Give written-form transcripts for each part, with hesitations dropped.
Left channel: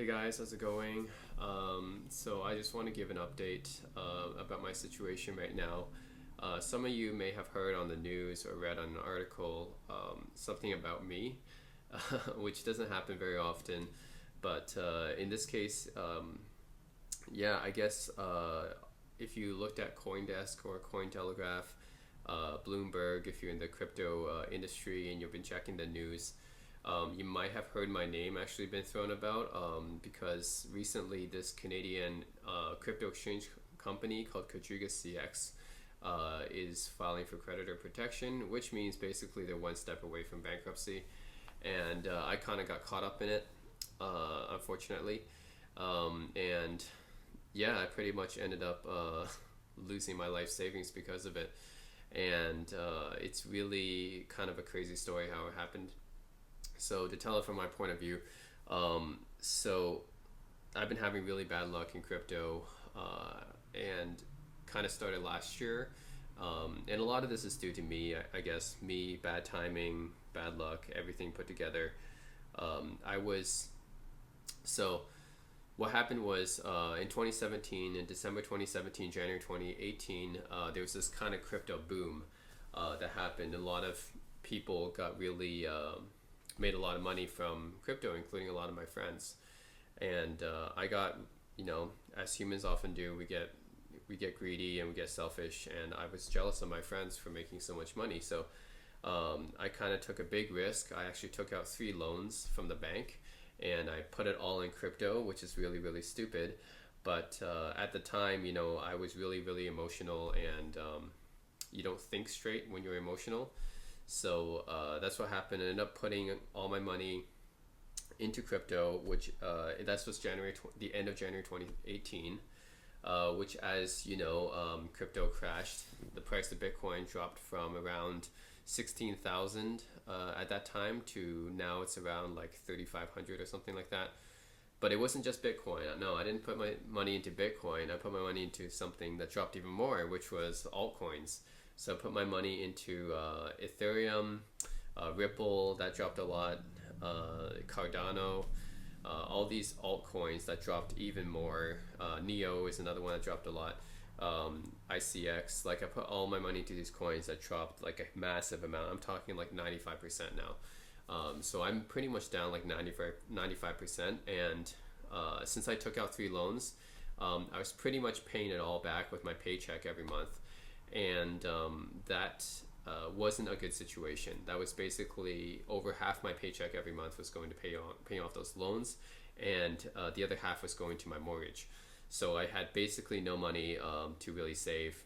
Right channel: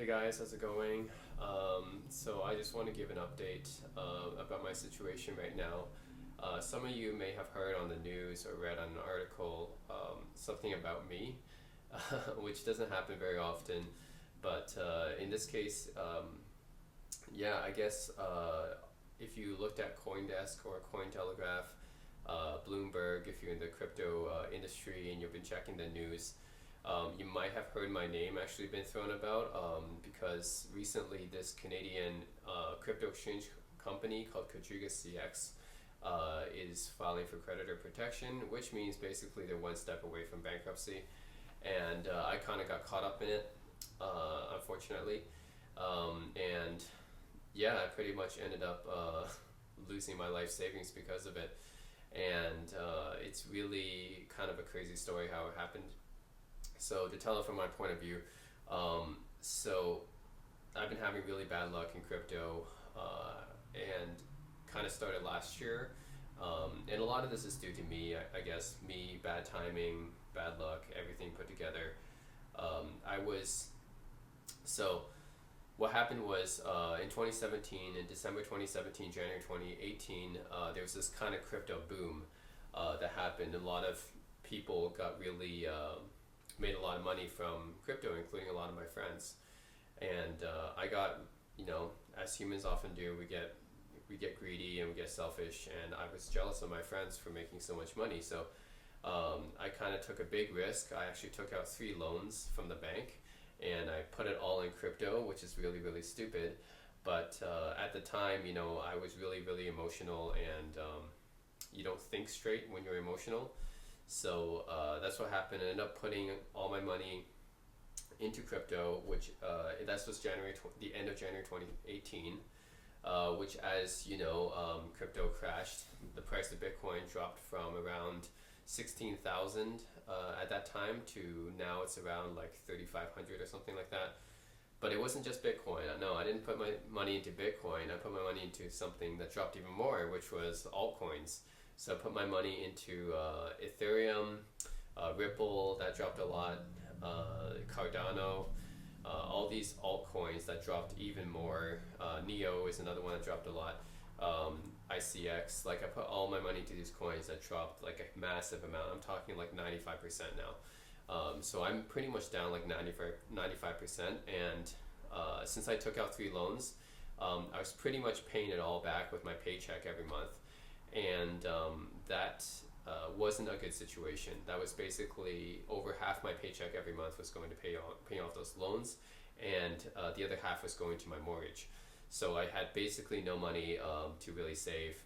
Hey guys, how's it going? So I just want to give an update about my situation right now. Some of you may have heard on the news or read on an article something about me, which doesn't happen very often. But in this case, yeah, I guess if you looked at CoinDesk or Cointelegraph, Bloomberg, if you're in the crypto industry and you've been checking the news, you might have heard my name actually been thrown about because recently this Canadian crypto exchange company called QuadrigaCX is filing for creditor protection, which means basically they're one step away from bankruptcy. And I kind of got caught up in it, unfortunately. And yeah, I pretty much ended up losing my life savings because of it. And it's really kind of a crazy story how it happened. So to tell it from my point of view, so I've been having really bad luck in crypto, and kind of started last year. And a lot of this is due to me, I guess, me, bad timing, bad luck, everything put together. I was, so what happened was in 2017, in December 2017, January 2018, there was this kind of crypto boom that happened. A lot of people got really made a lot of money from crypto, including a lot of my friends. And I got, as humans often do, we get greedy and we get selfish. And I was jealous of my friends for making so much money. So I kind of took a big risk. I actually took out 3 loans from the bank, and I put it all in crypto, which is really, really stupid. But at the time, I was really, really emotional, and you don't think straight when you're emotional. So that's what happened. I ended up putting all my money into crypto, which that was the end of January 2018, which, as you know, crypto crashed. The price of Bitcoin dropped from around 16,000 at that time to now it's around like 3,500 or something like that. But it wasn't just Bitcoin. No, I didn't put my money into Bitcoin. I put my money into something that dropped even more, which was altcoins. So I put my money into Ethereum, Ripple, that dropped a lot, Cardano, all these altcoins that dropped even more. Neo is another one that dropped a lot. ICX, like I put all my money into these coins that dropped like a massive amount. I'm talking like 95% now. So I'm pretty much down like 95%. And since I took out 3 loans, I was pretty much paying it all back with my paycheck every month. And that wasn't a good situation. That was basically over half my paycheck every month was going to paying off those loans, and the other half was going to my mortgage. So I had basically no money to really save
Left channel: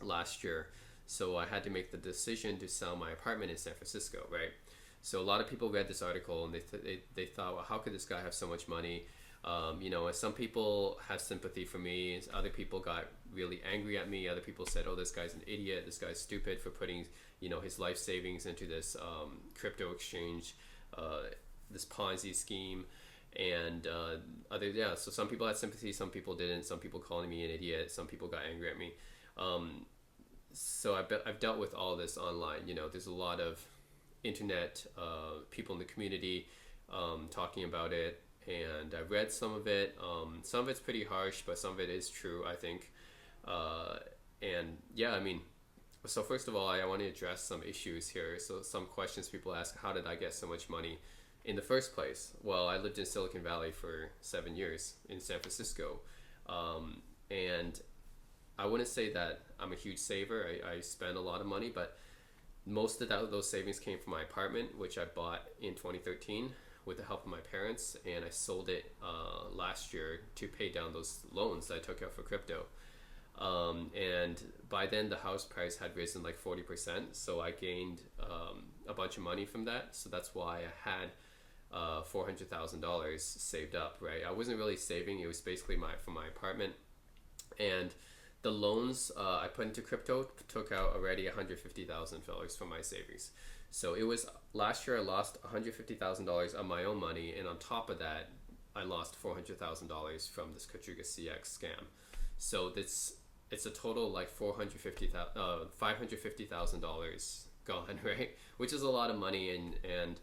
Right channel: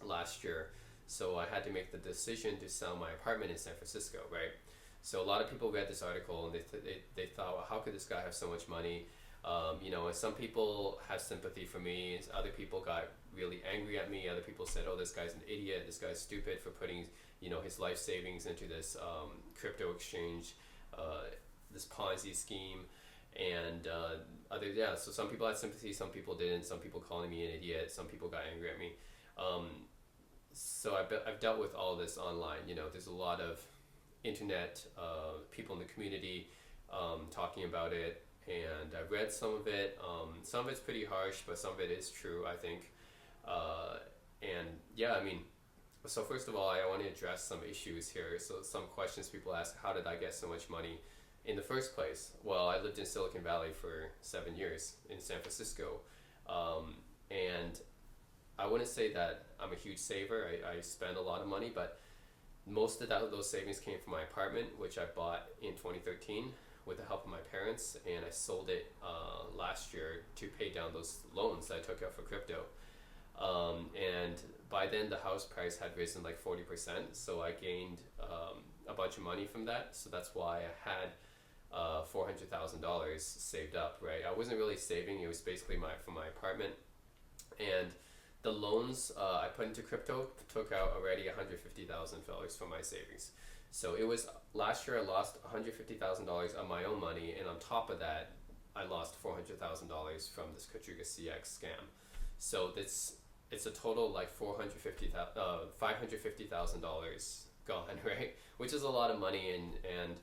last year. So I had to make the decision to sell my apartment in San Francisco, right? So a lot of people read this article and they thought, well, how could this guy have so much money? And some people have sympathy for me. Other people got really angry at me. Other people said, oh, this guy's an idiot. This guy's stupid for putting, his life savings into this crypto exchange, this Ponzi scheme. And so some people had sympathy, some people didn't. Some people calling me an idiot. Some people got angry at me. So I've dealt with all this online. There's a lot of internet people in the community talking about it. And I've read some of it. Some of it's pretty harsh, but some of it is true, I think. And yeah, so first of all, I want to address some issues here. So some questions people ask, how did I get so much money in the first place? Well, I lived in Silicon Valley for 7 years in San Francisco. And I wouldn't say that I'm a huge saver. I spend a lot of money, but most of those savings came from my apartment, which I bought in 2013 with the help of my parents, and I sold it last year to pay down those loans that I took out for crypto. And by then the house price had risen like 40%, so I gained a bunch of money from that. So that's why I had $400,000 saved up, right? I wasn't really saving, it was basically from my apartment. And the loans I put into crypto took out already $150,000 from my savings. So it was last year I lost $150,000 of my own money, and on top of that, I lost $400,000 from this QuadrigaCX scam. So it's a total like $550,000 gone, right? Which is a lot of money, and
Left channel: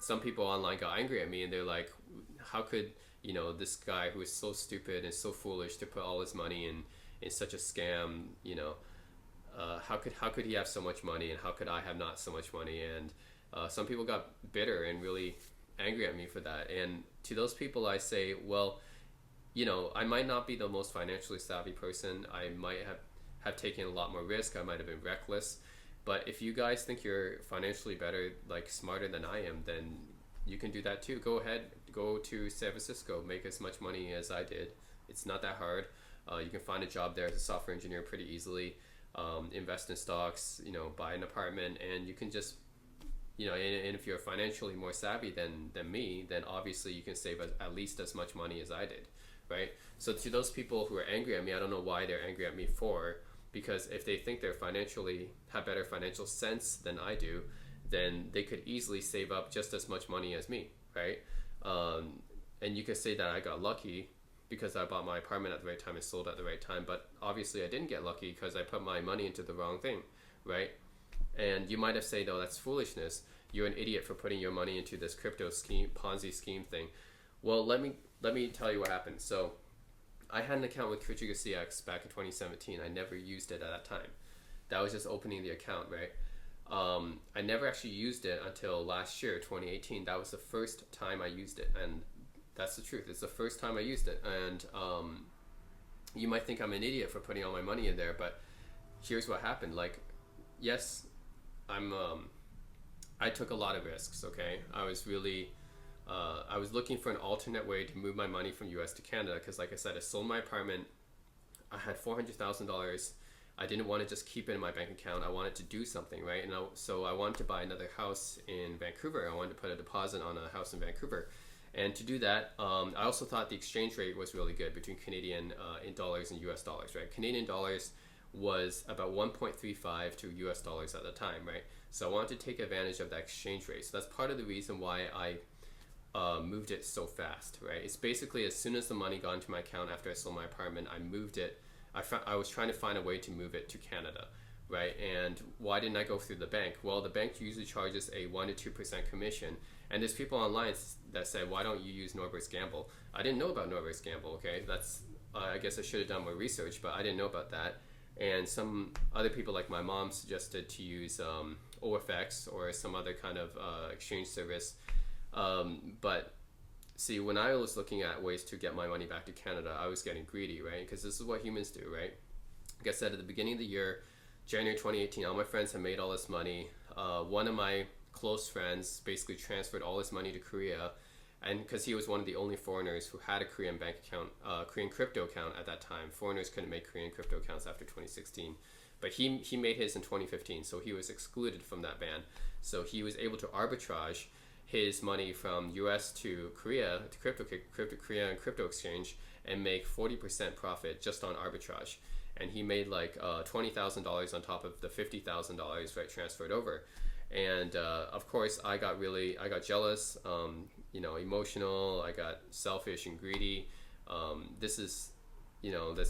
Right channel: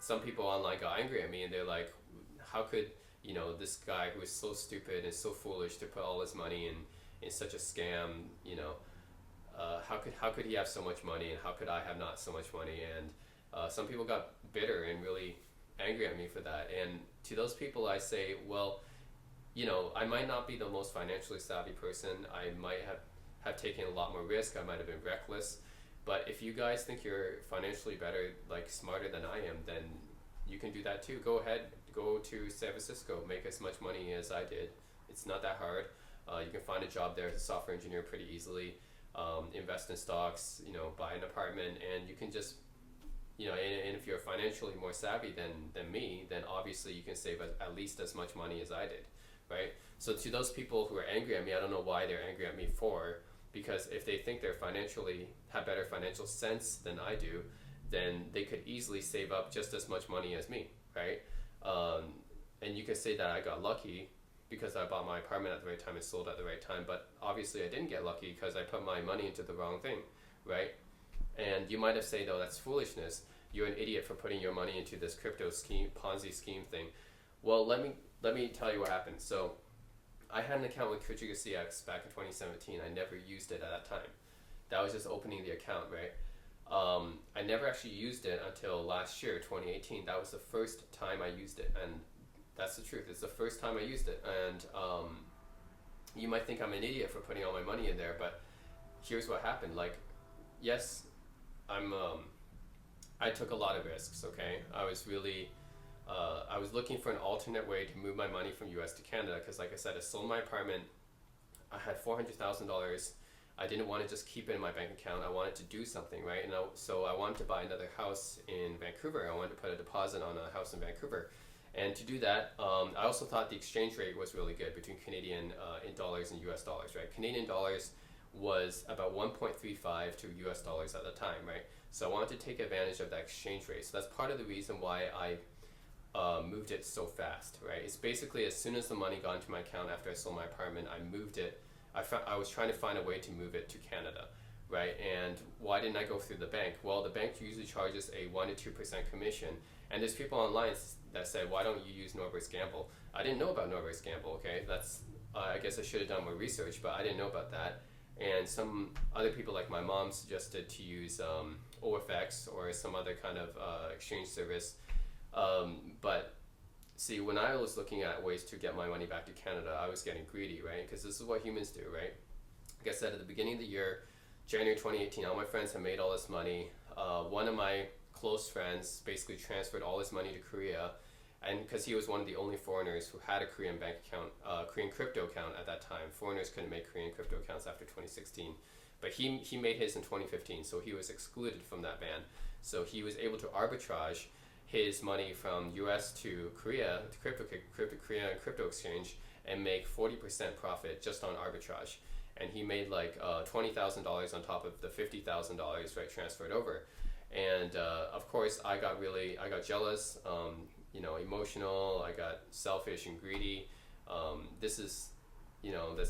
some people online got angry at me, and they're like, how could, this guy who is so stupid and so foolish to put all his money in such a scam, how could he have so much money, and how could I have not so much money? And some people got bitter and really angry at me for that. And to those people, I say, well, I might not be the most financially savvy person. I might have taken a lot more risk. I might have been reckless. But if you guys think you're financially better, like smarter than I am, then you can do that too. Go ahead, go to San Francisco, make as much money as I did. It's not that hard. You can find a job there as a software engineer pretty easily. Invest in stocks, buy an apartment, and you can just, and if you're financially more savvy than me, then obviously you can save at least as much money as I did, right? So to those people who are angry at me, I don't know why they're angry at me for, because if they think they're have better financial sense than I do, then they could easily save up just as much money as me, right? And you could say that I got lucky because I bought my apartment at the right time and sold at the right time, but obviously I didn't get lucky because I put my money into the wrong thing, right? And you might have said, oh, that's foolishness. You're an idiot for putting your money into this crypto scheme, Ponzi scheme thing. Well, let me tell you what happened. So I had an account with QuadrigaCX back in 2017. I never used it at that time. That was just opening the account, right? I never actually used it until last year, 2018. That was the first time I used it, and that's the truth. It's the first time I used it. And you might think I'm an idiot for putting all my money in there, but here's what happened. Like, yes, I took a lot of risks, okay? I was looking for an alternate way to move my money from US to Canada because, like I said, I sold my apartment. I had $400,000. I didn't want to just keep it in my bank account. I wanted to do something, right? And so I wanted to buy another house in Vancouver. I wanted to put a deposit on a house in Vancouver. And to do that, I also thought the exchange rate was really good between Canadian in dollars and US dollars, right? Canadian dollars was about 1.35 to US dollars at the time, right? So I wanted to take advantage of that exchange rate. So that's part of the reason why I moved it so fast, right? It's basically as soon as the money got into my account after I sold my apartment, I moved it. I was trying to find a way to move it to Canada, right? And why didn't I go through the bank? Well, the bank usually charges a 1 to 2% commission. And there's people online that said, why don't you use Norbert's Gamble? I didn't know about Norbert's Gamble, okay? I guess I should have done more research, but I didn't know about that. And some other people like my mom suggested to use OFX or some other kind of exchange service. But see, when I was looking at ways to get my money back to Canada, I was getting greedy, right? Because this is what humans do, right? Like I said, at the beginning of the year, January 2018, all my friends had made all this money. One of my close friends basically transferred all his money to Korea, and because he was one of the only foreigners who had a Korean bank account, Korean crypto account at that time. Foreigners couldn't make Korean crypto accounts after 2016, but he made his in 2015, so he was excluded from that ban. So he was able to arbitrage his money from US to Korea, to Korean crypto exchange, and make 40% profit just on arbitrage. And he made like $20,000 on top of the $50,000, right, transferred over. And of course, I got jealous, emotional. I got selfish and greedy. This is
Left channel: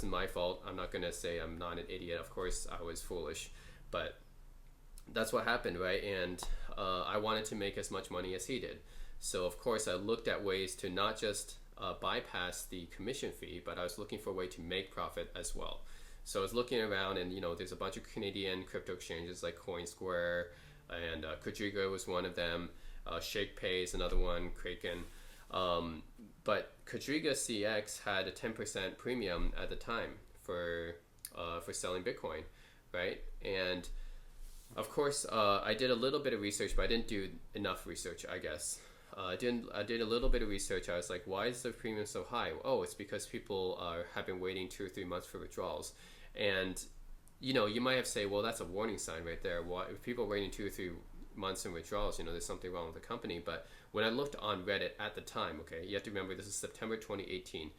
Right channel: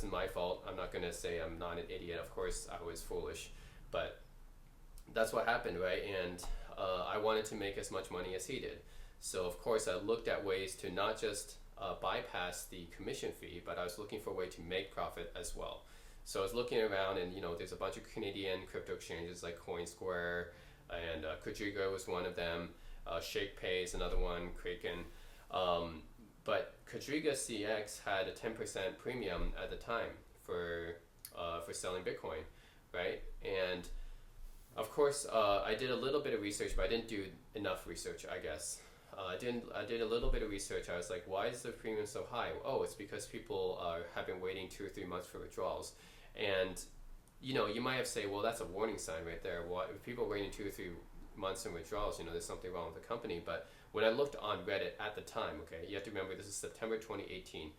my fault. I'm not gonna say I'm not an idiot. Of course, I was foolish, but that's what happened, right? And I wanted to make as much money as he did. So of course, I looked at ways to not just bypass the commission fee, but I was looking for a way to make profit as well. So I was looking around, and there's a bunch of Canadian crypto exchanges like CoinSquare, and Quadriga was one of them. ShakePay is another one, Kraken. But QuadrigaCX had a 10% premium at the time for selling Bitcoin, right? And of course, I did a little bit of research, but I didn't do enough research, I guess. I did a little bit of research. I was like, why is the premium so high? Oh, it's because people have been waiting 2 or 3 months for withdrawals. And you might have said, well, that's a warning sign right there. Why, if people are waiting 2 or 3 months in withdrawals, there's something wrong with the company. But when I looked on Reddit at the time, okay, you have to remember this is September 2018.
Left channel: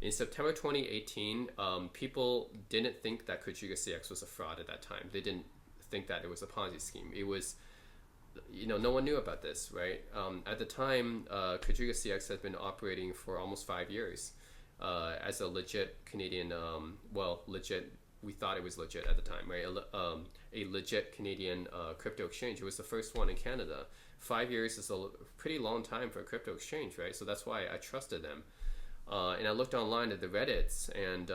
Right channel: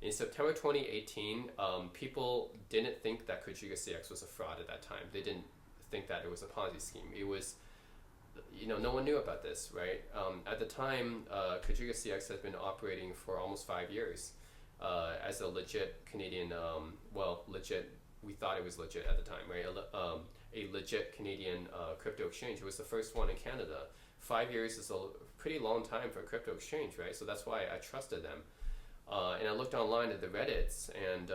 In September 2018, people didn't think that QuadrigaCX was a fraud at that time. They didn't think that it was a Ponzi scheme. It was, no one knew about this, right? At the time, QuadrigaCX had been operating for almost 5 years as a legit Canadian, legit. We thought it was legit at the time, right? A legit Canadian crypto exchange. It was the first one in Canada, 5 years is a pretty long time for a crypto exchange, right? So that's why I trusted them. And I looked online at the Reddits, and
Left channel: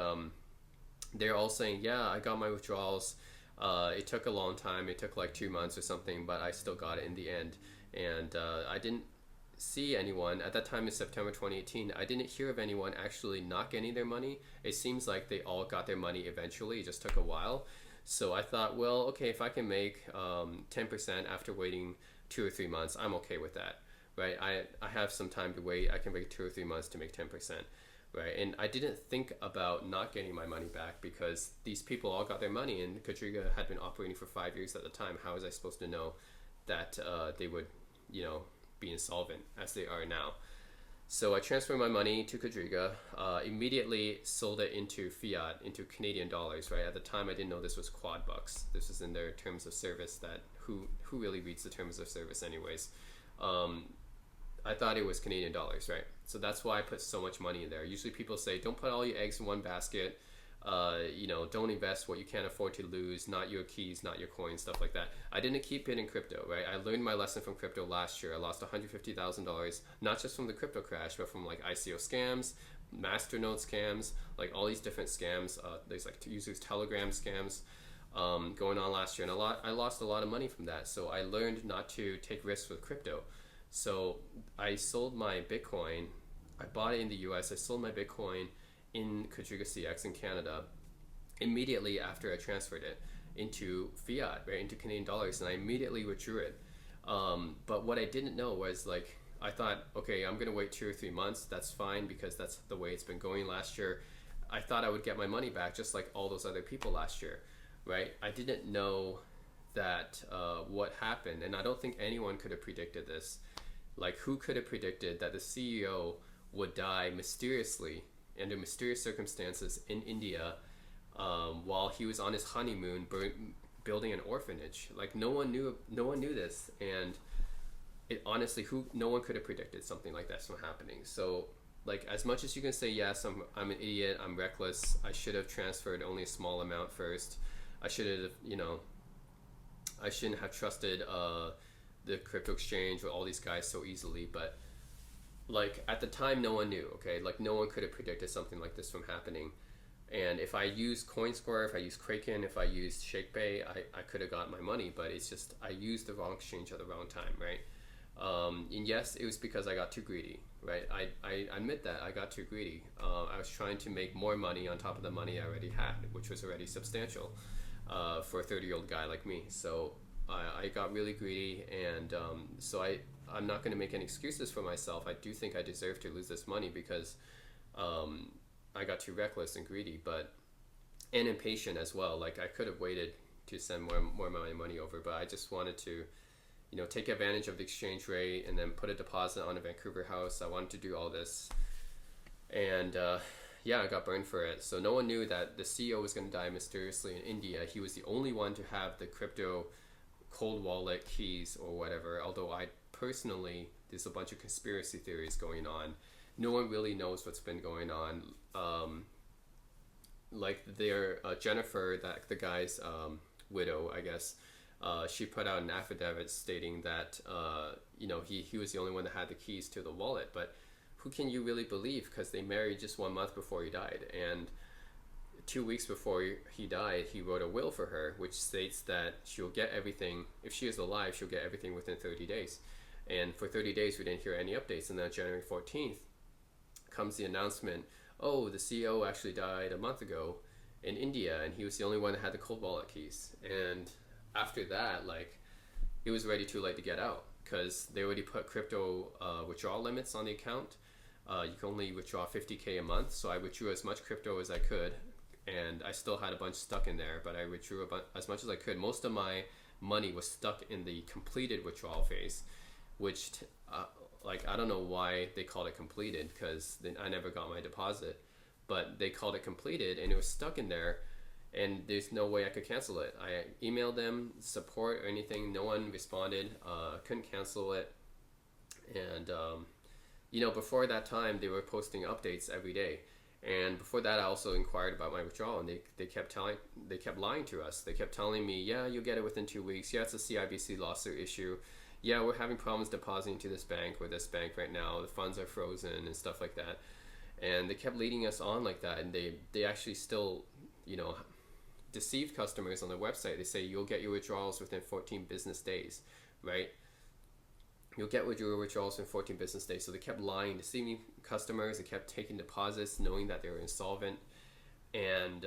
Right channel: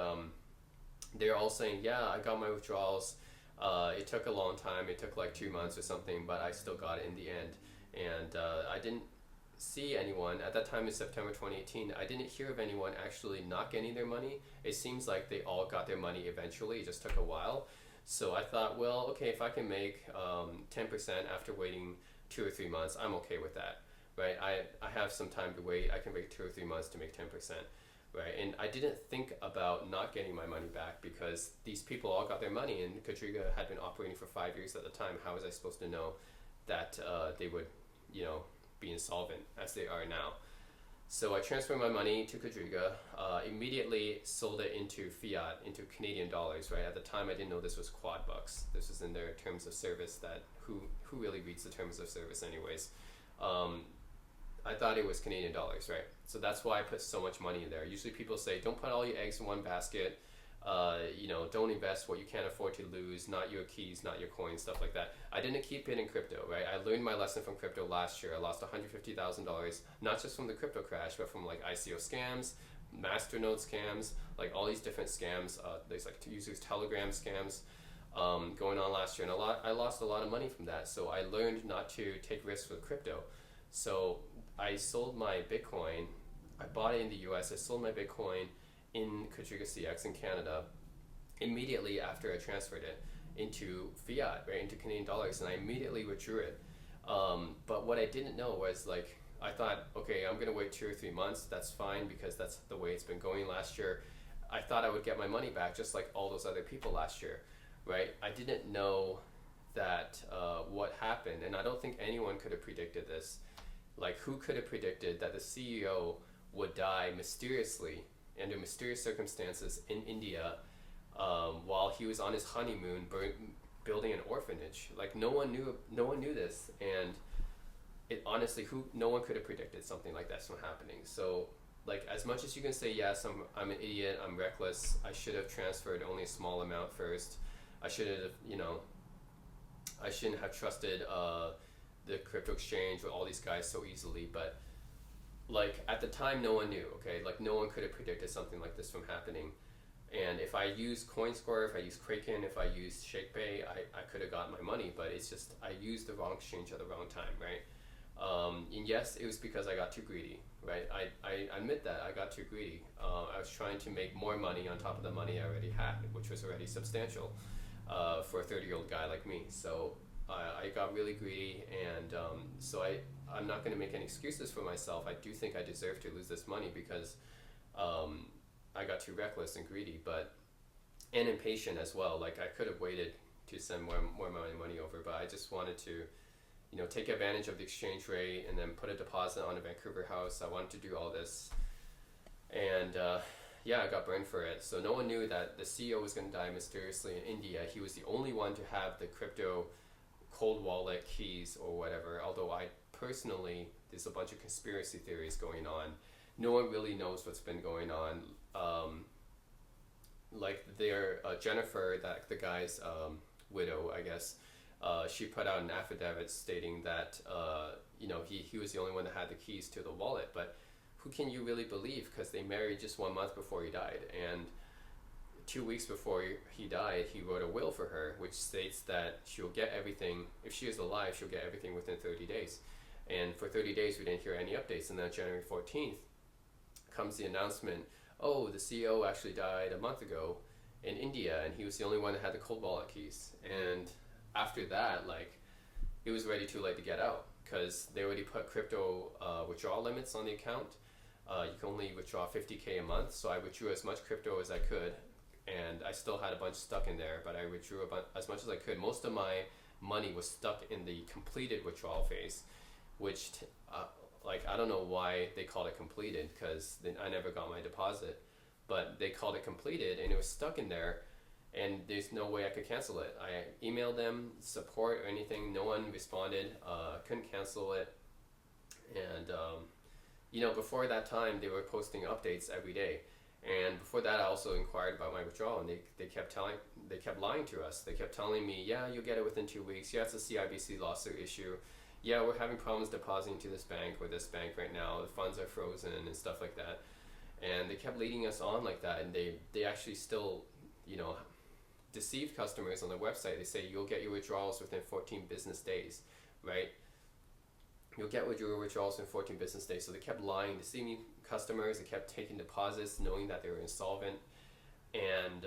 they're all saying, yeah, I got my withdrawals. It took a long time. It took like 2 months or something, but I still got it in the end. And I didn't see anyone at that time in September 2018. I didn't hear of anyone actually not getting their money. It seems like they all got their money eventually. It just took a while. So I thought, well, okay, if I can make 10% after waiting 2 or 3 months, I'm okay with that, right? I have some time to wait. I can wait 2 or 3 months to make 10%, right? And I didn't think about not getting my money back because these people all got their money, and Quadriga had been operating for 5 years at the time. How was I supposed to know that they would, be insolvent as they are now? So I transferred my money to Quadriga, immediately sold it into fiat, into Canadian dollars, right? At the time, I didn't know this was quad bucks. This is in their terms of service that who really reads the terms of service anyways? I thought it was Canadian dollars, right? So that's why I put so much money in there. Usually people say, don't put all your eggs in one basket. Don't invest what you can't afford to lose, not your keys, not your coins, stuff like that. I didn't keep it in crypto, right? I learned my lesson from crypto last year. I lost $150,000, not just from the crypto crash, but from like ICO scams, masternode scams, like all these different scams. There's like users Telegram scams going on last year, and I lost a lot of money from that. So I learned not to take risks with crypto. So I sold my Bitcoin. I bought it in the US. I sold my Bitcoin in QuadrigaCX in Canada immediately after I transferred it into fiat, right, into Canadian dollars, and I immediately withdrew it. But what I didn't know was, like, I thought, okay, I'm gonna wait 2 or 3 months. That's fine because that's the way it's been going last year. I thought I would get my money back just like all those other people last year, right? I didn't know that what happened, and I don't think anyone could have predicted this. Like, who could have predicted that the CEO would die mysteriously under mysterious circumstances in India while he was on his honeymoon building an orphanage? Like, no one knew this, and it honestly, no one could have predicted something like that from happening. So, like, as much as you can say, yes, I'm an idiot, I'm reckless, I should have transferred only a small amount first, I should have, I shouldn't have trusted the crypto exchange with all these guys so easily, but like, at the time, no one knew, okay? Like, no one could have predicted something like this from happening. And if I used CoinSquare, if I used Kraken, if I used ShakePay, I could have got my money, but it's just, I used the wrong exchange at the wrong time, right? And yes, it was because I got too greedy, right? I admit that I got too greedy. I was trying to make more money on top of the money I already had, which was already substantial for a 30-year-old guy like me. So I got really greedy, and so I'm not going to make any excuses for myself. I do think I deserve to lose this money because I got too reckless and greedy, and impatient as well. Like, I could have waited to send more of my money over, but I just wanted to, take advantage of the exchange rate and then put a deposit on a Vancouver house. I wanted to do all this, and I got burned for it. So no one knew that the CEO was going to die mysteriously in India. He was the only one to have the crypto cold wallet keys or whatever, although I personally, there's a bunch of conspiracy theories going on. No one really knows what's been going on. Like, Jennifer, the guy's widow, I guess, she put out an affidavit stating that he was the only one that had the keys to the wallet. But who can you really believe? Because they married just 1 month before he died, and 2 weeks before he died, he wrote a will for her, which states that she'll get everything. If she is alive, she'll get everything within 30 days. And for 30 days, we didn't hear any updates. And then January 14th comes the announcement, oh, the CEO actually died a month ago in India, and he was the only one that had the cold wallet keys. And after that, like, it was already too late to get out because they already put crypto withdrawal limits on the account. You can only withdraw 50K a month. So I withdrew as much crypto as I could, and I still had a bunch stuck in there, but I withdrew as much as I could. Most of my money was stuck in the completed withdrawal phase, which I don't know why they called it completed, because I never got my deposit, but they called it completed and it was stuck in there, and there's no way I could cancel it. I emailed them support or anything, no one responded. Couldn't cancel it. And before that time, they were posting updates every day. And before that, I also inquired about my withdrawal, and they kept lying to us. They kept telling me, yeah, you'll get it within 2 weeks. Yeah, it's a CIBC lawsuit issue. yeah, we're having problems depositing to this bank or this bank right now. The funds are frozen and stuff like that. And they kept leading us on like that, and they actually still, you know, deceive customers on their website. They say you'll get your withdrawals within 14 business days, right? You'll get your withdrawals in 14 business days. So they kept lying, deceiving customers. They kept taking deposits, knowing that they were insolvent, and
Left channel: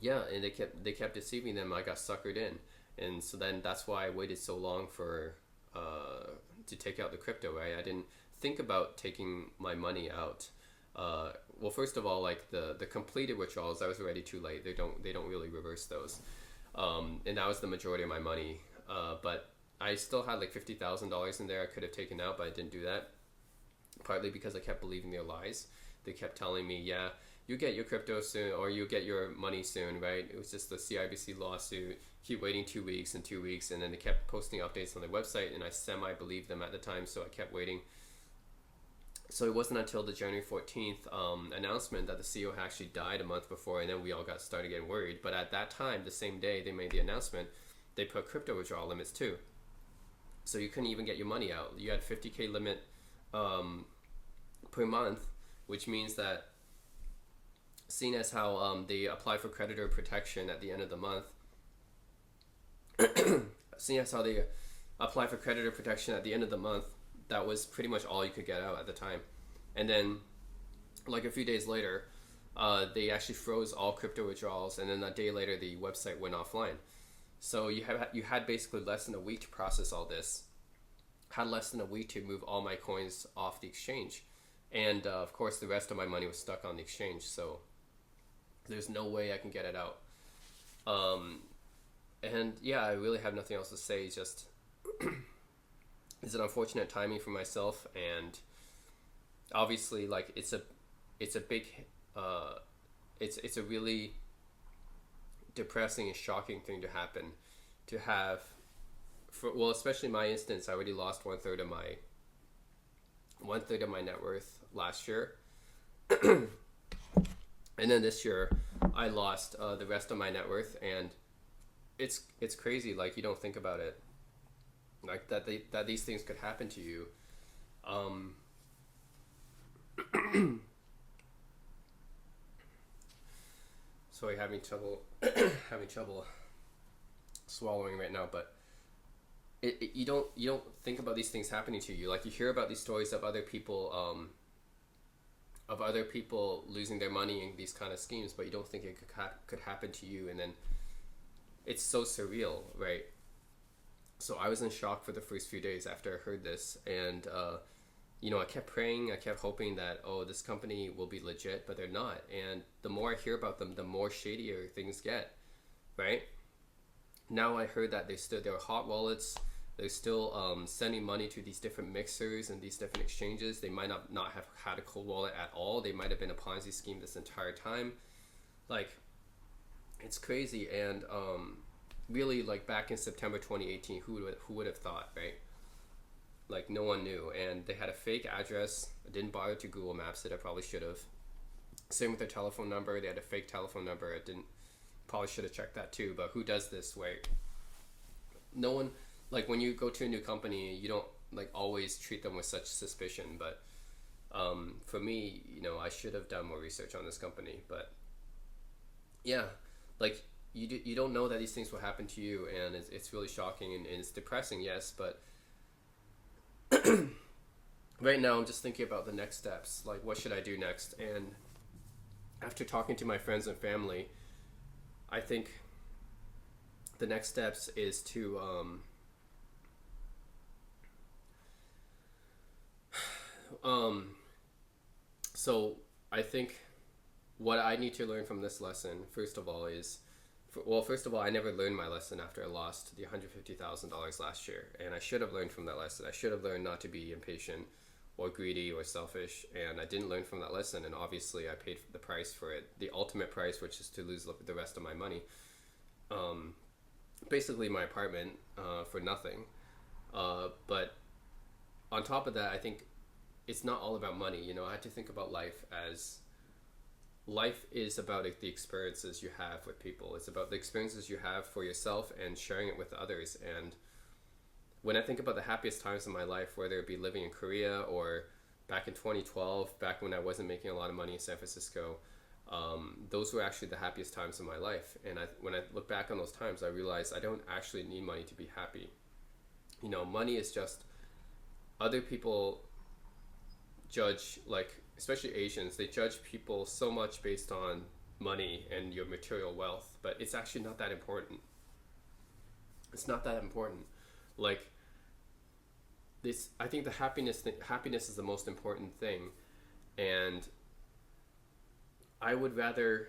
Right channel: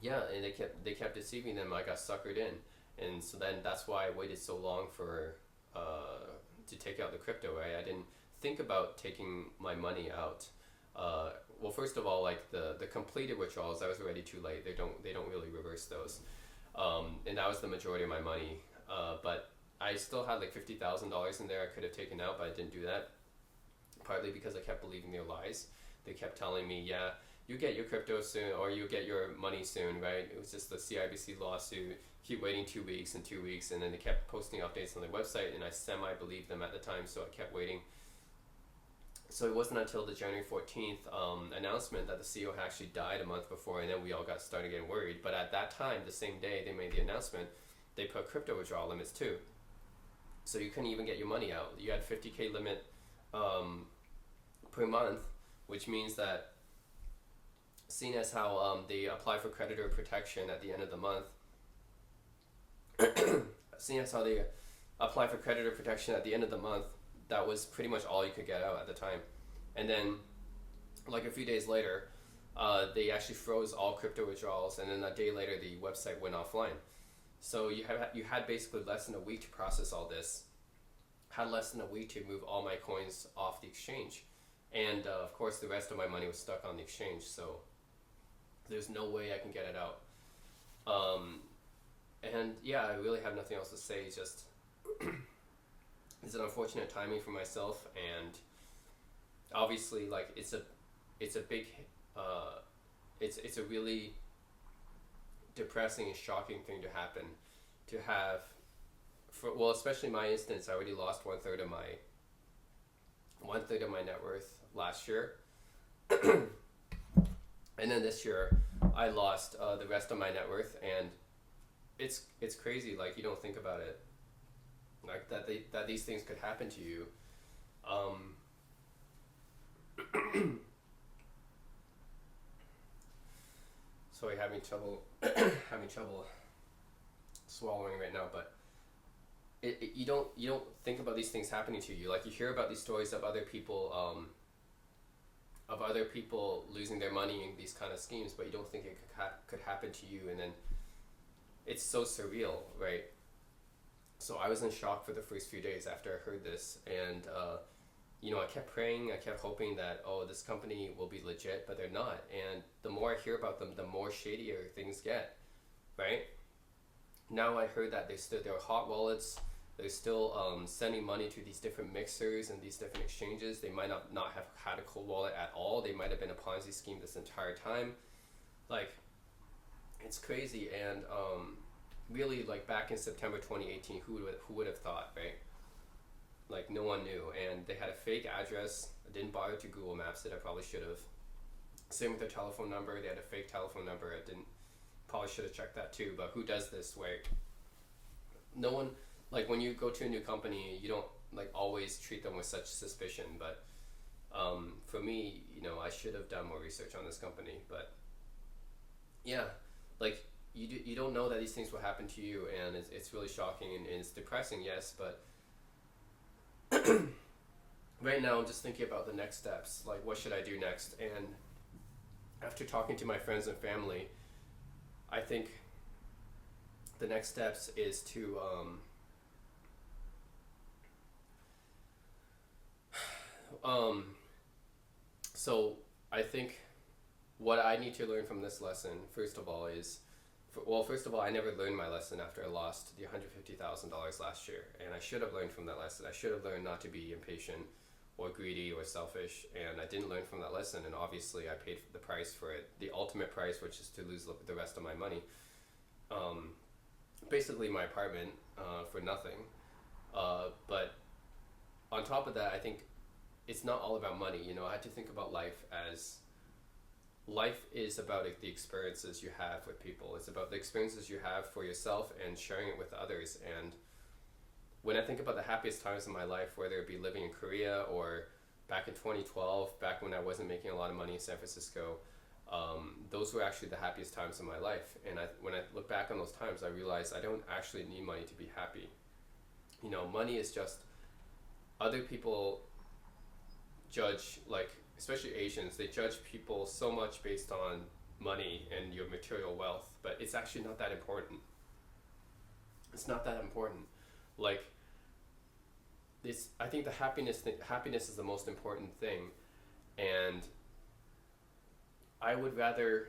yeah, and they kept deceiving them. I got suckered in, and so then that's why I waited so long for to take out the crypto. Right, I didn't think about taking my money out. Well, first of all, like the completed withdrawals, that was already too late. They don't really reverse those, and that was the majority of my money. But I still had like $50,000 in there I could have taken out, but I didn't do that. Partly because I kept believing their lies. They kept telling me, yeah, you get your crypto soon, or you get your money soon, right? It was just the CIBC lawsuit. Keep waiting 2 weeks and 2 weeks, and then they kept posting updates on their website, and I semi-believed them at the time, so I kept waiting. So it wasn't until the January 14th announcement that the CEO actually died a month before, and then we all started getting worried. But at that time, the same day they made the announcement, they put crypto withdrawal limits too. So you couldn't even get your money out. You had 50K limit per month, which means that, seeing as how they apply for creditor protection at the end of the month, seeing as how they apply for creditor protection at the end of the month, that was pretty much all you could get out at the time. And then, like a few days later, they actually froze all crypto withdrawals, and then a day later the website went offline. So you had basically less than a week to process all this. Had less than a week to move all my coins off the exchange, and of course the rest of my money was stuck on the exchange. So there's no way I can get it out. And yeah, I really have nothing else to say. It's just it's an unfortunate timing for myself, and obviously, like, it's a big it's a really depressing and shocking thing to happen, to have, well, especially in my instance. I already lost one third of my net worth last year, and then this year I lost the rest of my net worth, and it's crazy. Like, you don't think about it, like that these things could happen to you. Sorry, having trouble swallowing right now, but you don't think about these things happening to you. Like, you hear about these stories of other people losing their money in these kind of schemes, but you don't think it could happen to you. And then it's so surreal, right? So I was in shock for the first few days after I heard this, and I kept praying, I kept hoping that, oh, this company will be legit, but they're not. And the more I hear about them, the more shadier things get, right? Now I heard that they're hot wallets. They're still sending money to these different mixers and these different exchanges. They might not have had a cold wallet at all. They might have been a Ponzi scheme this entire time. Like, it's crazy. And really, like, back in September 2018, who would have thought, right? Like, no one knew. And they had a fake address. I didn't bother to Google Maps it. I probably should have. Same with their telephone number. They had a fake telephone number. Probably should have checked that too. But who does this? Right? No one. Like, when you go to a new company, you don't, like, always treat them with such suspicion. But for me, I should have done more research on this company. But yeah, like, you don't know that these things will happen to you, and it's really shocking, and it's depressing, yes. But right now I'm just thinking about the next steps. Like, what should I do next? And after talking to my friends and family, I think the next steps is to so I think what I need to learn from this lesson, first of all, I never learned my lesson after I lost the $150,000 last year, and I should have learned from that lesson. I should have learned not to be impatient or greedy or selfish, and I didn't learn from that lesson, and obviously I paid the price for it, the ultimate price, which is to lose the rest of my money. Basically my apartment for nothing. But on top of that, I think it's not all about money. I had to think about life as life is about the experiences you have with people. It's about the experiences you have for yourself and sharing it with others. And when I think about the happiest times in my life, whether it be living in Korea or back in 2012, back when I wasn't making a lot of money in San Francisco, those were actually the happiest times in my life. And when I look back on those times, I realized I don't actually need money to be happy. Money is just, other people judge, like, especially Asians, they judge people so much based on money and your material wealth, but it's actually not that important. It's not that important. Like, this, I think the happiness is the most important thing. And I would rather,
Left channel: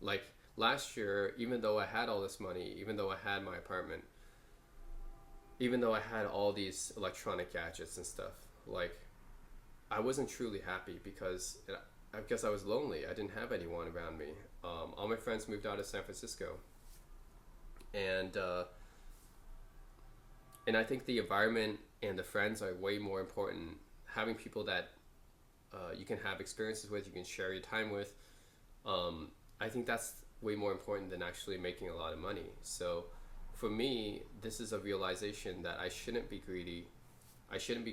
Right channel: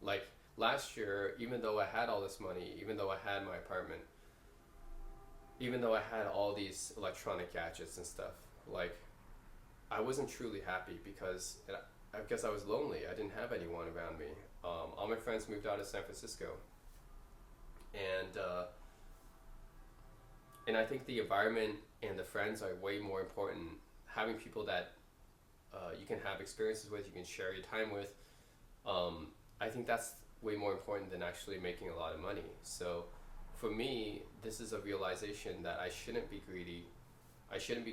like, last year, even though I had all this money, even though I had my apartment, even though I had all these electronic gadgets and stuff, like, I wasn't truly happy because I guess I was lonely. I didn't have anyone around me. All my friends moved out of San Francisco, and I think the environment and the friends are way more important. Having people that you can have experiences with, you can share your time with. I think that's way more important than actually making a lot of money. So for me, this is a realization that I shouldn't be greedy. I shouldn't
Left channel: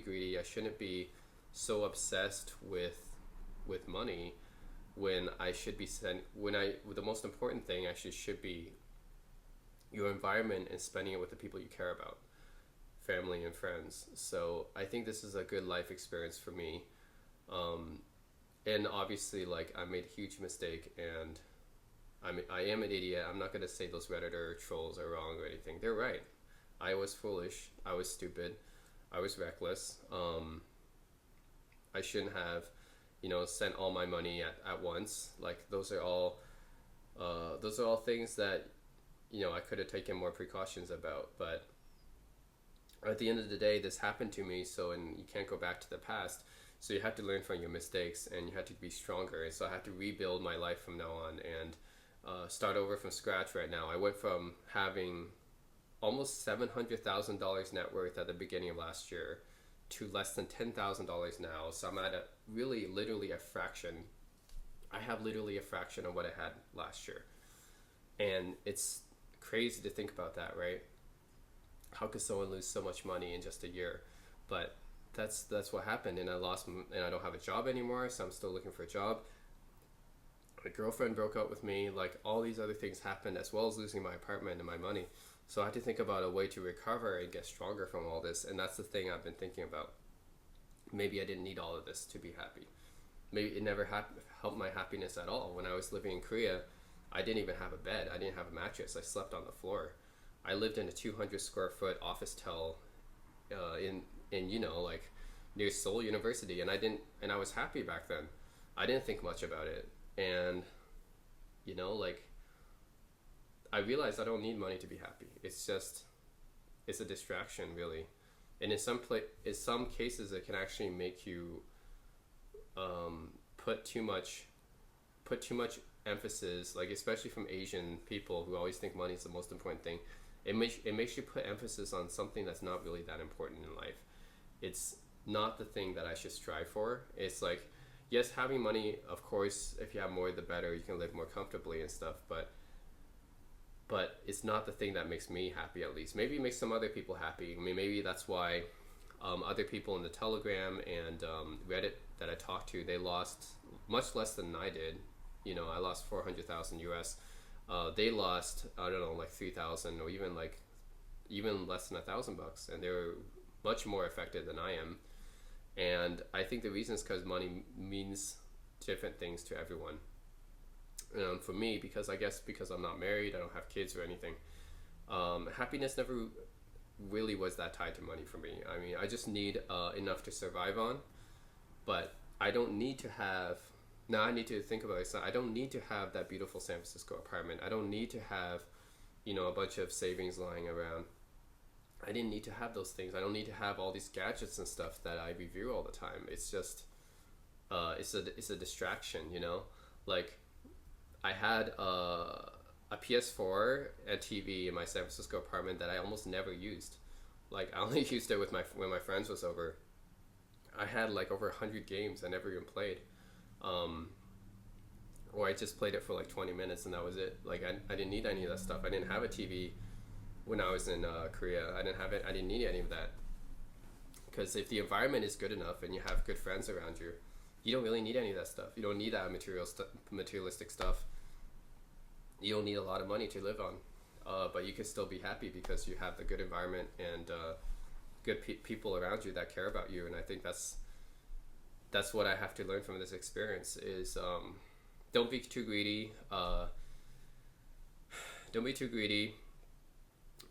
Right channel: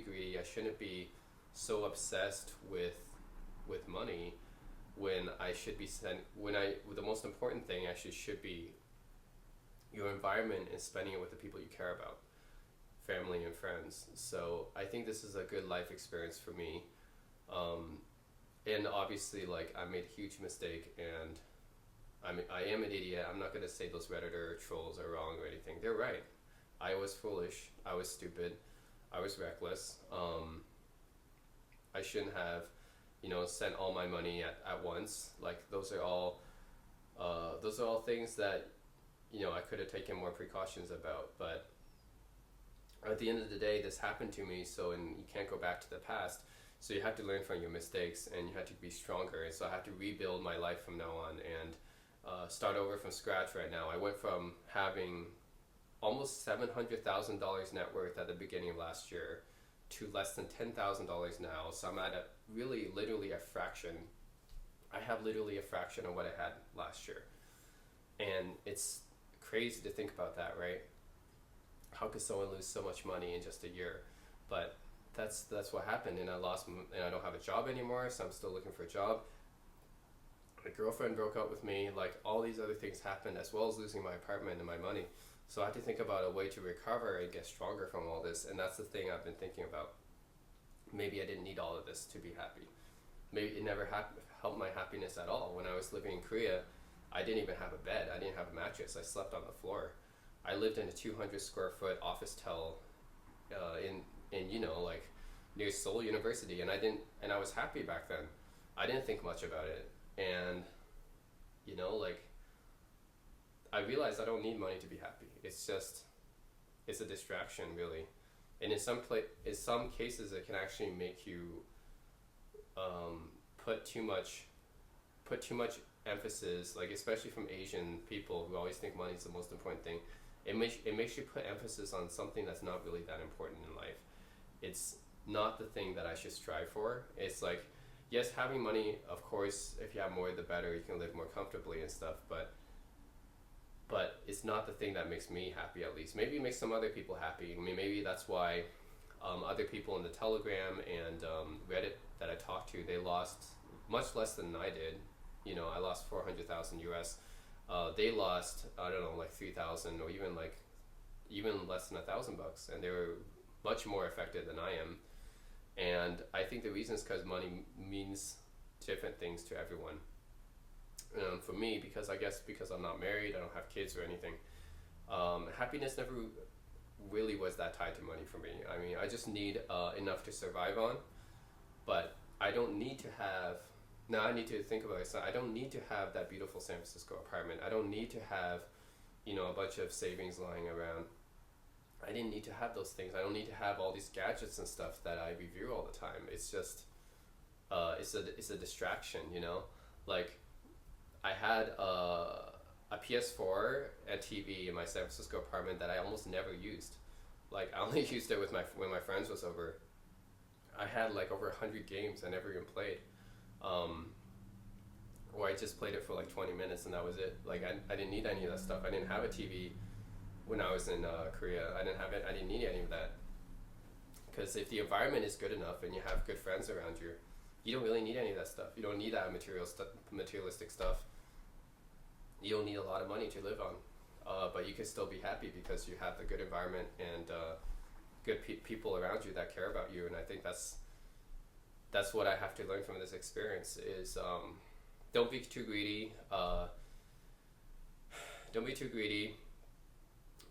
be so obsessed with money when I should be the most important thing actually should be your environment and spending it with the people you care about, family and friends. So I think this is a good life experience for me. And obviously, like, I made a huge mistake, and I am an idiot. I'm not going to say those Redditor trolls are wrong or anything. They're right. I was foolish. I was stupid. I was reckless. I shouldn't have, sent all my money at once. Like, those are all things that, I could have taken more precautions about. But at the end of the day, this happened to me, and you can't go back to the past. So you have to learn from your mistakes, and you have to be stronger. And so I have to rebuild my life from now on and start over from scratch right now. I went from having almost $700,000 net worth at the beginning of last year to less than $10,000 now. So I'm at literally a fraction. I have literally a fraction of what I had last year. And it's crazy to think about that, right? How could someone lose so much money in just a year? But that's what happened, and I don't have a job anymore, so I'm still looking for a job. My girlfriend broke up with me. Like, all these other things happened, as well as losing my apartment and my money. So I had to think about a way to recover and get stronger from all this, and that's the thing I've been thinking about. Maybe I didn't need all of this to be happy. Maybe it never helped my happiness at all. When I was living in Korea, I didn't even have a bed. I didn't have a mattress. I slept on the floor. I lived in a 200 square foot office tel in like near Seoul University, and I was happy back then. I didn't think much about it, and like, I realized I don't need money to be happy. It's a distraction, really. And in some cases, it can actually make you put too much emphasis, like, especially from Asian people who always think money is the most important thing. It makes you put emphasis on something that's not really that important in life. It's not the thing that I should strive for. It's like, yes, having money, of course, if you have more, the better. You can live more comfortably and stuff, but it's not the thing that makes me happy, at least. Maybe it makes some other people happy. I mean, maybe that's why other people in the Telegram and Reddit that I talked to, they lost much less than I did. I lost 400,000 US. They lost, I don't know, like 3,000, or even less than $1,000, and they were much more affected than I am. And I think the reason is because money means different things to everyone. For me, because I'm not married, I don't have kids or anything, happiness never really was that tied to money for me. I mean, I just need enough to survive on, but I don't need to have, now I need to think about it. So I don't need to have that beautiful San Francisco apartment. I don't need to have, a bunch of savings lying around. I didn't need to have those things. I don't need to have all these gadgets and stuff that I review all the time. It's just, it's a distraction, Like, I had a PS4 and TV in my San Francisco apartment that I almost never used. Like, I only used it when my friends was over. I had like over 100 games I never even played. Or I just played it for like 20 minutes and that was it. Like, I didn't need any of that stuff. I didn't have a TV. when I was in Korea. I didn't have it. I didn't need any of that. Because if the environment is good enough and you have good friends around you, you don't really need any of that stuff. You don't need that materialistic stuff. You don't need a lot of money to live on, but you can still be happy because you have the good environment and good people around you that care about you. And I think that's what I have to learn from this experience is don't be too greedy. Don't be too greedy.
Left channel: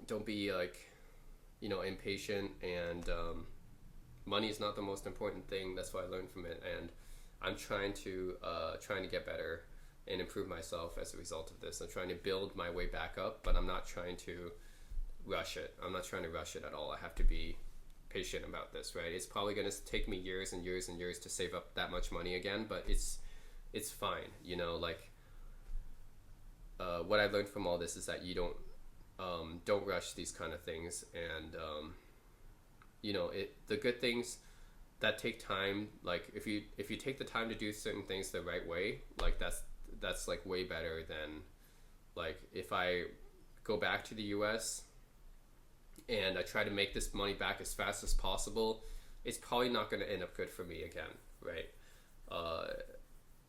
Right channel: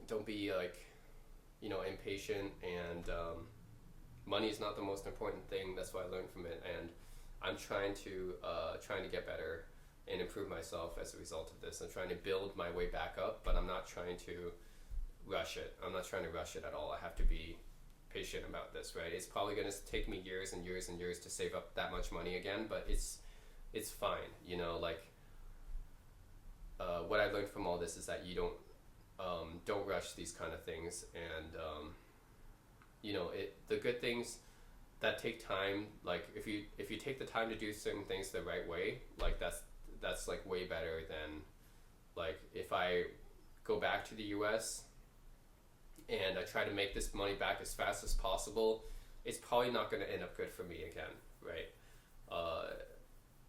Don't be like, impatient, and money is not the most important thing. That's what I learned from it, and I'm trying to get better and improve myself as a result of this. I'm trying to build my way back up, but I'm not trying to rush it. I'm not trying to rush it at all. I have to be patient about this, right? It's probably going to take me years and years and years to save up that much money again, but it's fine. What I learned from all this is that you don't rush these kind of things, and the good things that take time, like if you take the time to do certain things the right way, like that's like way better than like if I go back to the US and I try to make this money back as fast as possible. It's probably not going to end up good for me again, right?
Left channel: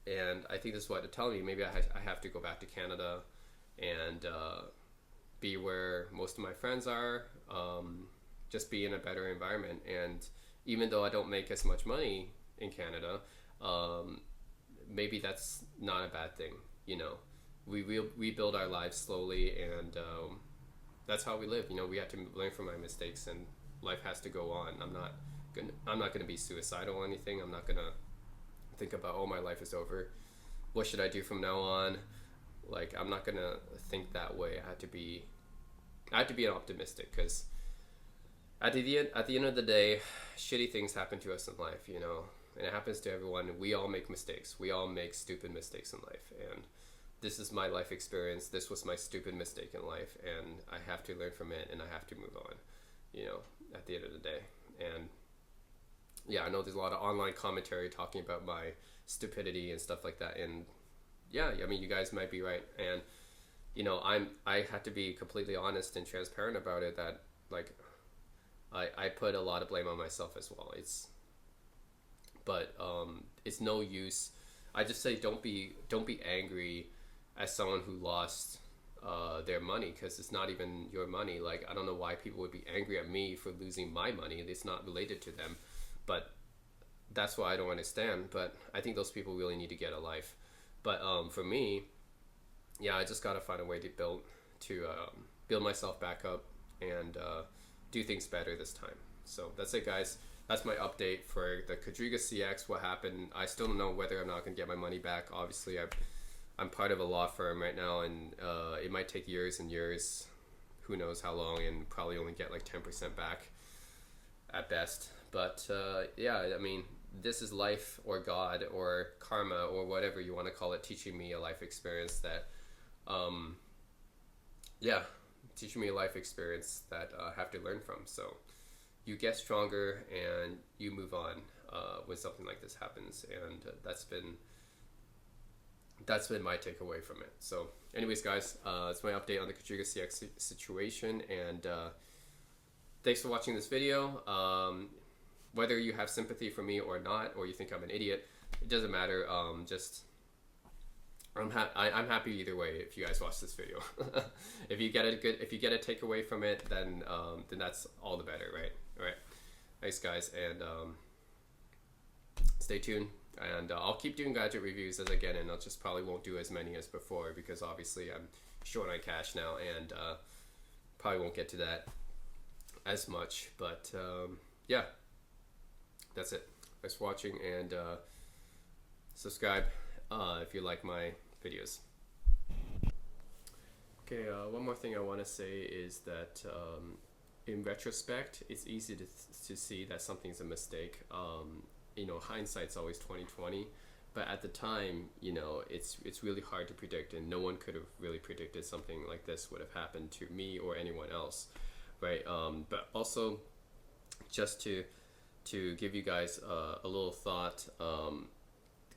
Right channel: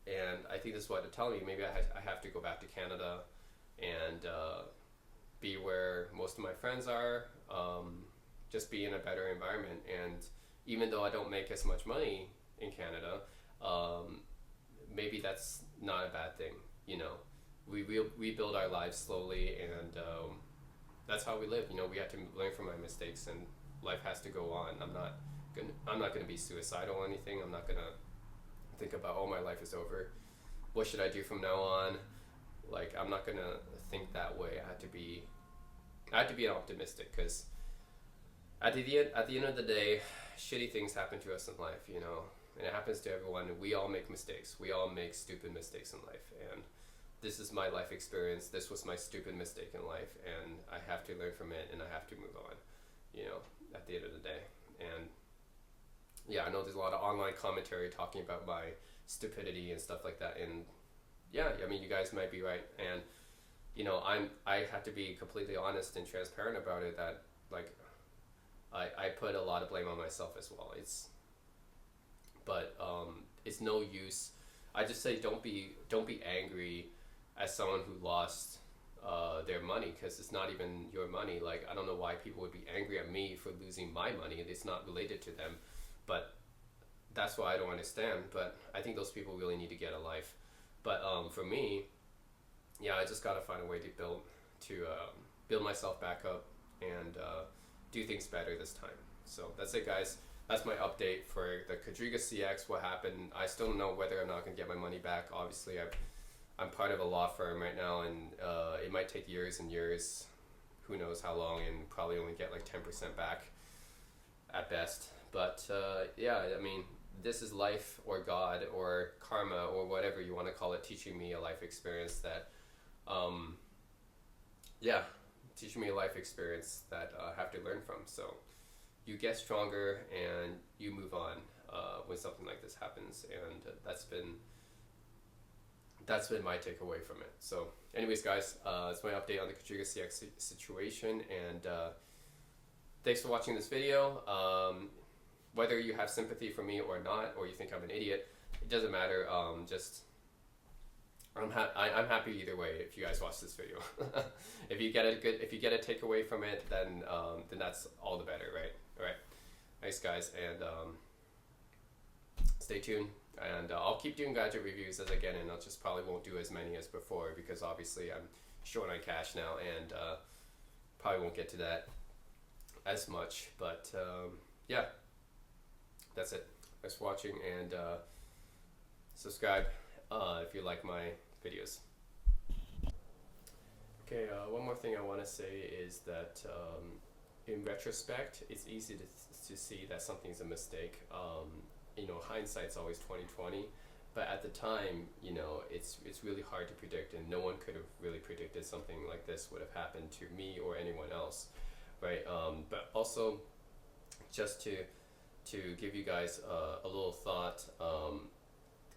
And I think this is what they're telling me. Maybe I have to go back to Canada and be where most of my friends are, just be in a better environment. And even though I don't make as much money in Canada, maybe that's not a bad thing. We build our lives slowly, and that's how we live. We have to learn from our mistakes, and life has to go on. I'm not gonna be suicidal or anything. I'm not gonna think about, oh, my life is over. What should I do from now on? Like, I'm not gonna think that way. I have to be an optimistic, because at the end of the day, shitty things happen to us in life, and it happens to everyone. We all make mistakes. We all make stupid mistakes in life, and this is my life experience. This was my stupid mistake in life, and I have to learn from it, and I have to move on, at the end of the day. And yeah, I know there's a lot of online commentary talking about my stupidity and stuff like that, and yeah, I mean, you guys might be right, and I have to be completely honest and transparent about it, that like I put a lot of blame on myself as well. But it's no use. I just say don't be angry as someone who lost their money, because it's not even your money. Like, I don't know why people would be angry at me for losing my money. It's not related to them, but that's what I don't understand. But I think those people really need to get a life. But for me, yeah, I just gotta find a way to build myself back up and do things better this time. So that's it, guys. That's my update for the QuadrigaCX. What happened? I still don't know whether I'm not gonna get my money back. Obviously, I'm part of a law firm right now, and it might take years and years, who knows how long, and probably only get like 10% back at best. But yeah, I mean, this is life, or God, or karma, or whatever you want to call it, teaching me a life experience that, teaching me a life experience that I have to learn from. So you get stronger and you move on when something like this happens, and that's been my takeaway from it. So anyways, guys, it's my update on the QuadrigaCX situation, and thanks for watching this video. Whether you have sympathy for me or not, or you think I'm an idiot, it doesn't matter. I'm happy either way if you guys watch this video. If you get a takeaway from it, then that's all the better, right? All right, thanks, guys, and stay tuned. And I'll keep doing gadget reviews as I get in. I just probably won't do as many as before, because obviously I'm short on cash now, and probably won't get to that as much. But yeah, that's it. Thanks for watching, and subscribe if you like my videos. Okay, one more thing I want to say is that in retrospect, it's easy to see that something's a mistake. Hindsight's always 20/20, but at the time, it's really hard to predict, and no one could have really predicted something like this would have happened to me or anyone else, right? But also, just to give you guys a little thought,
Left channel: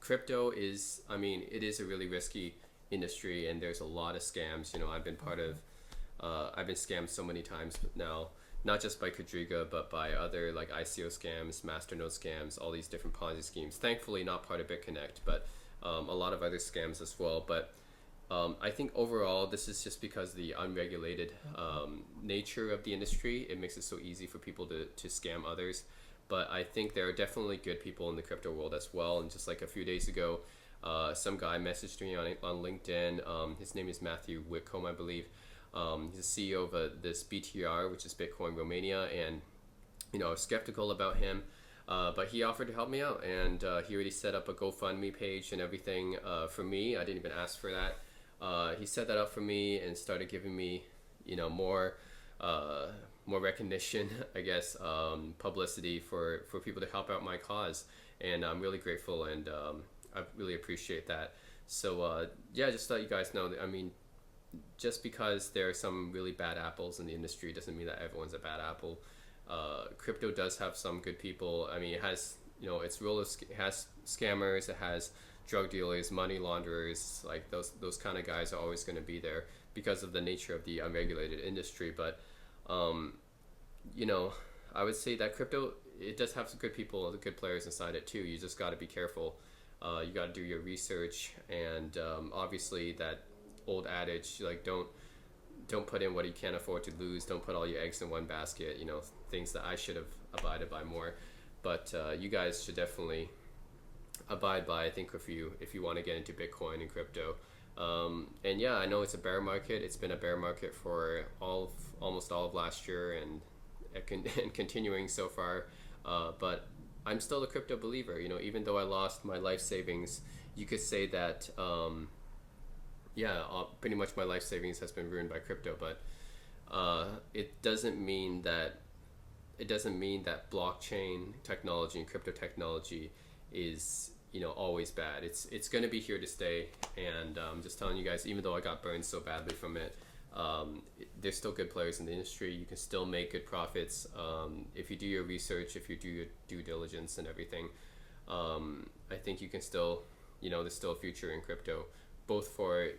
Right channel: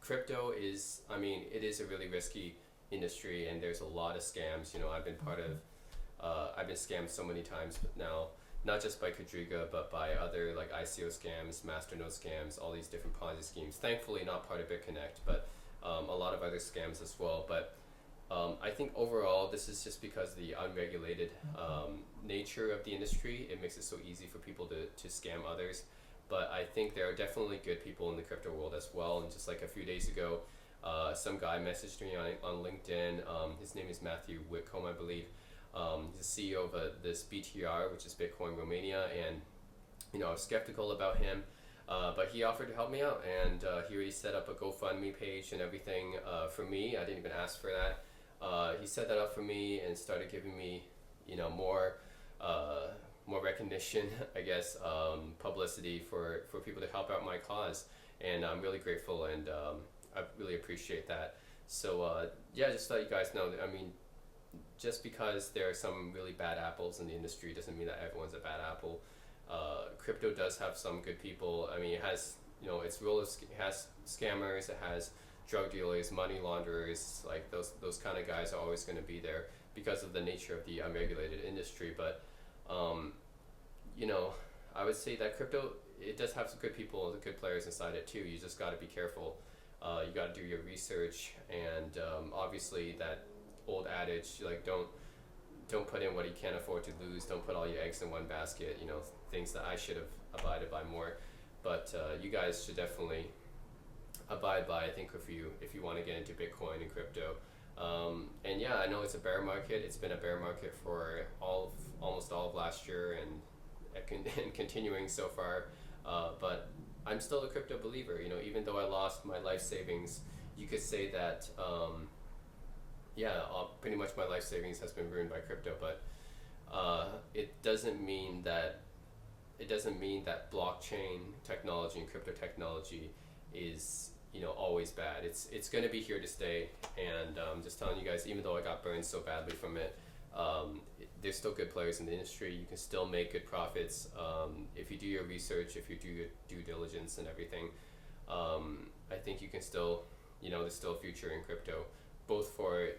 crypto it is a really risky industry, and there's a lot of scams. I've been part of I've been scammed so many times now, not just by Quadriga, but by other like ICO scams, masternode scams, all these different Ponzi schemes. Thankfully, not part of BitConnect, but a lot of other scams as well. But I think overall, this is just because the unregulated nature of the industry. It makes it so easy for people to scam others. But I think there are definitely good people in the crypto world as well. And just like a few days ago, some guy messaged me on LinkedIn. His name is Matthew Whitcomb, I believe. He's the CEO of this BTR, which is Bitcoin Romania, and I was skeptical about him, but he offered to help me out, and he already set up a GoFundMe page and everything for me. I didn't even ask for that. He set that up for me and started giving me, more recognition, I guess, publicity for people to help out my cause, and I'm really grateful, and I really appreciate that. So yeah, just to let you guys know that, I mean, just because there are some really bad apples in the industry doesn't mean that everyone's a bad apple. Crypto does have some good people. I mean, it has, it has scammers, it has drug dealers, money launderers, like those kind of guys are always going to be there because of the nature of the unregulated industry. But, I would say that crypto, it does have some good people, good players inside it too. You just got to be careful. You got to do your research, and obviously that old adage, like don't put in what you can't afford to lose. Don't put all your eggs in one basket. Things that I should have abided by more, but you guys should definitely abide by. I think if you want to get into Bitcoin and crypto, and yeah, I know it's a bear market. It's been a bear market for almost all of last year, and continuing so far. But I'm still a crypto believer. Even though I lost my life savings, you could say that. Pretty much my life savings has been ruined by crypto, but it doesn't mean that blockchain technology and crypto technology is always bad. It's going to be here to stay, and just telling you guys, even though I got burned so badly from it, there's still good players in the industry. You can still make good profits if you do your research, if you do your due diligence and everything. I think you can still, there's still a future in crypto, both for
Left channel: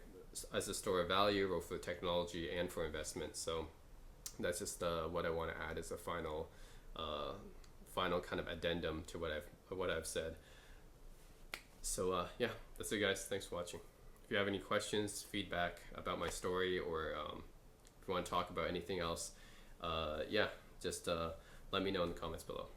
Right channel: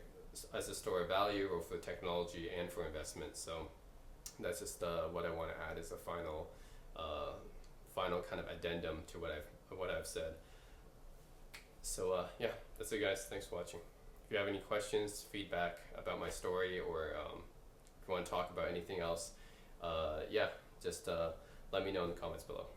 as a store of value or for technology and for investment. So that's just what I want to add as a final kind of addendum to what I've said. So yeah, that's it, guys. Thanks for watching. If you have any questions, feedback about my story, or if you want to talk about anything else, just let me know in the comments below.